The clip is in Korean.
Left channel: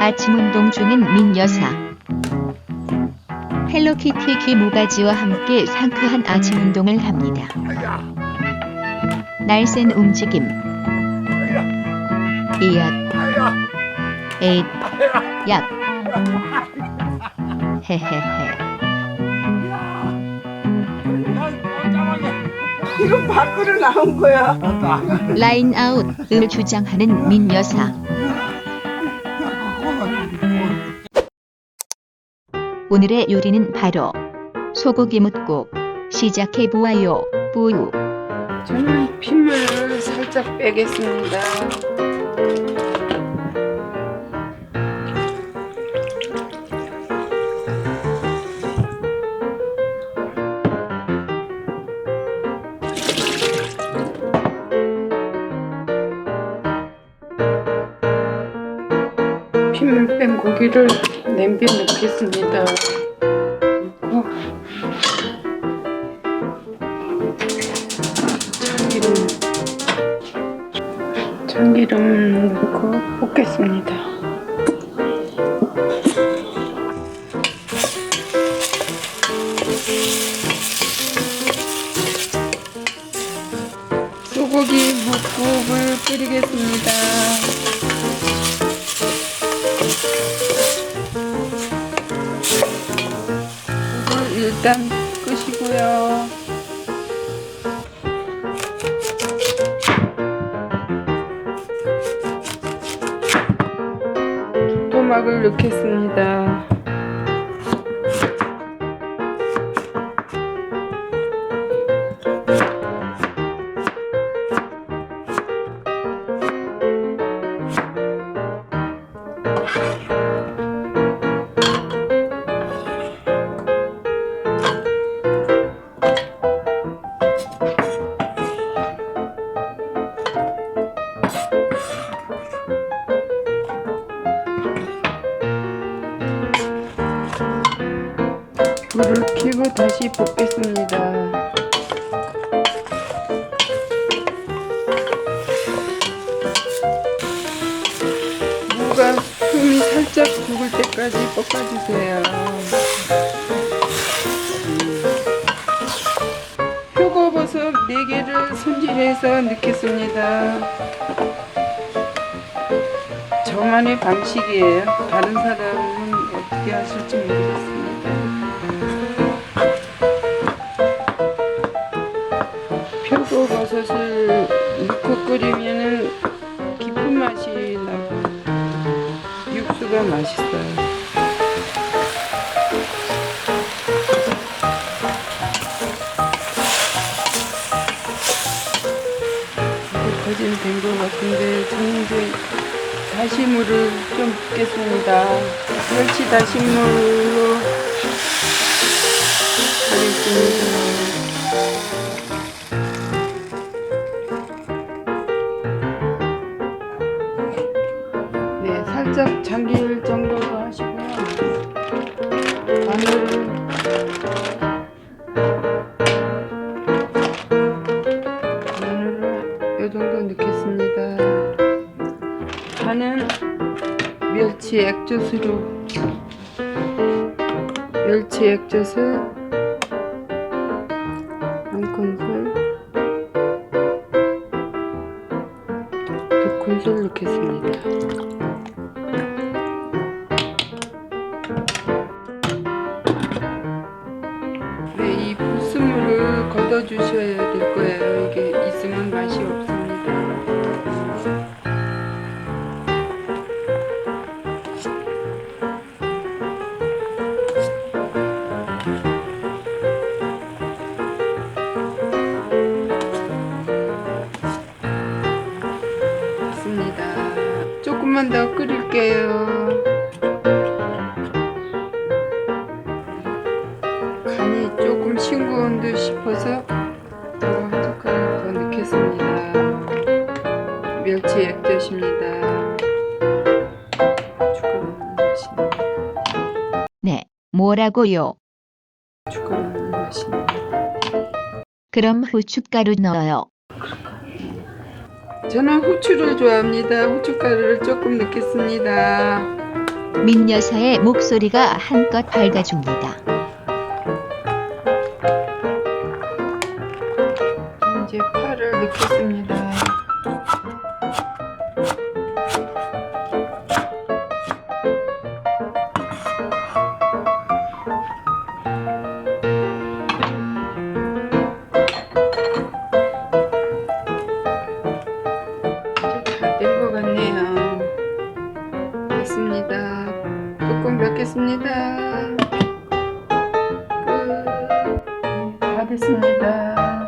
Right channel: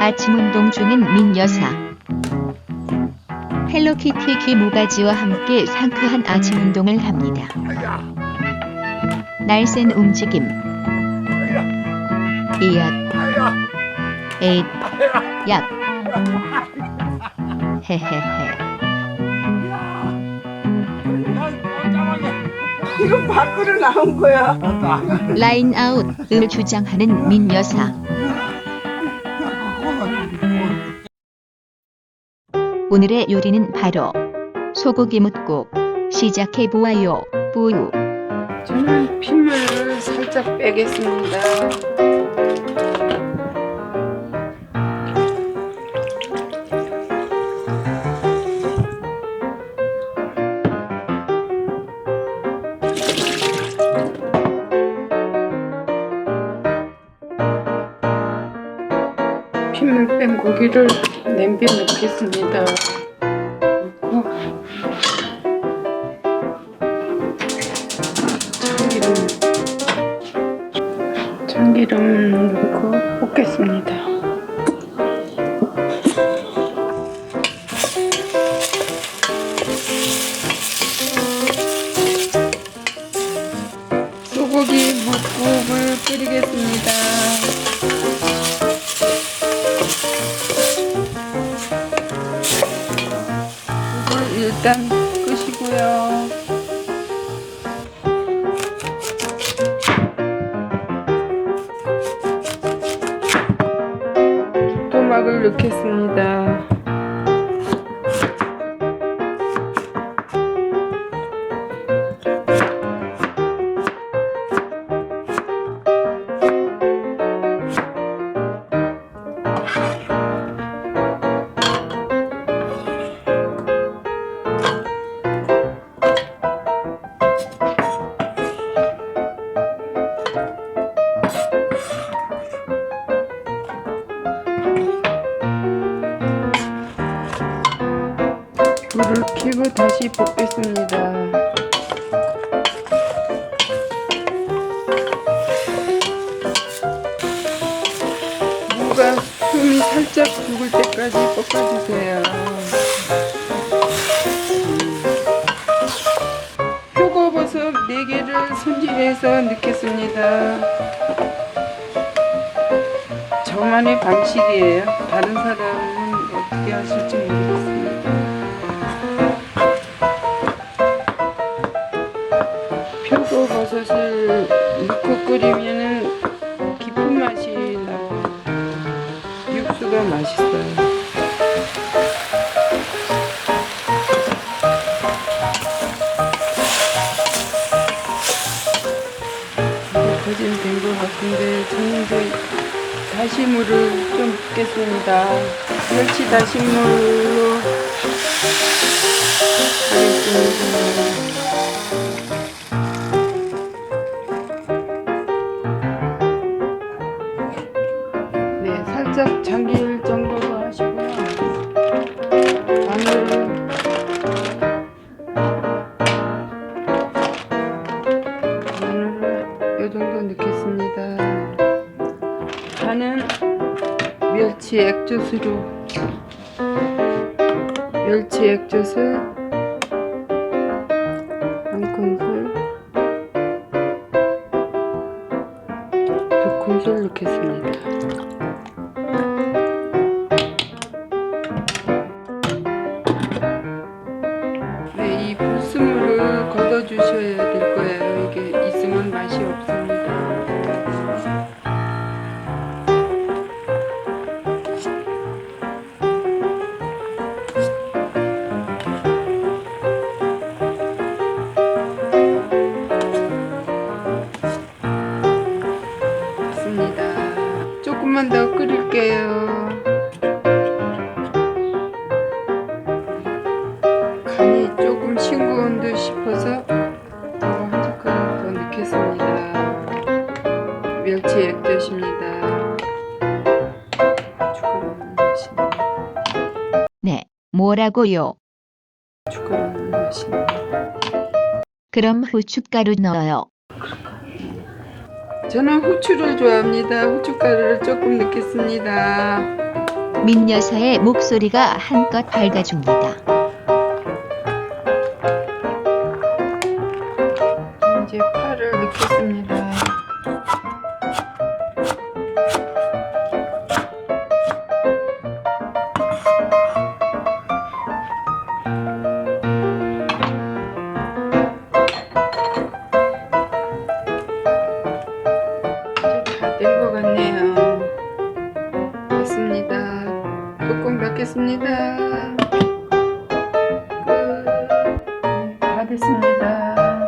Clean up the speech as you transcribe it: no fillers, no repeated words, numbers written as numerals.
아침 운동 중인 민 여사. 헬로키티 귀 모가지와 함께 상쾌한 아침 운동을 합니다. 날쌘 움직임. 이앗. 에잇. 약. 헤헤헤. 이거 밖으로 나온 거야. 라인 아웃을 주장하는 민 여사. 오늘의 요리는 바로 소고기 뭇국. 시작해 보아요. 뿌우. 저는 핏물을 살짝 빼겠습니다. 핏물 뺀 고기를 냄비에 넣겠습니다. 넣고 참기름 넣고 볶겠습니다. 소고기 뭇국을 끓이겠습니다. 불을 일단 끄시고요. 토막을 넣겠습니다. 불을 켜고 다시 볶겠습니다. 무가 숨이 살짝 죽을 때까지 볶아주세요. 표고버섯 4개를 손질해서 넣겠습니다. 저만의 방식이에요. 다른 사람은 어떻게 하실지 모르겠습니다. 표고버섯을 넣고 끓이면 깊은 맛이 나고 육수가 맛있어요. 이제 거진 된 것 같은데 저는 이제 다시물을 좀 붓겠습니다. 멸치 다시물로 하겠습니다. 네, 살짝 잠길 정도로 하시고요. 마늘을 이 정도 넣겠습니다. 간은 멸치 액젓으로 멸치 액젓을 한 큰술, 2큰술 넣겠습니다. 네, 이 불순물을 걷어 주셔야 될 거예요. 이게 있으면 맛이 없습니다. 조금만 더 끓일게요. 간이 조금 싱거운 듯 싶어서 이거 한 숟가락 더 넣겠습니다. 멸치 액젓입니다. 고춧가루 맛있네. 네, 뭐라고요? 고춧가루 맛있네. 그럼 후춧가루 넣어요. 저는 후추를 좋아합니다. 후춧가루를 조금 넣겠습니다. 민 여사의 목소리가 한껏 밝아줍니다. 이제 파를 넣겠습니다. 이제 다 된 것 같네요. 됐습니다. 뚜껑 닫겠습니다. 끝. 다 됐습니다.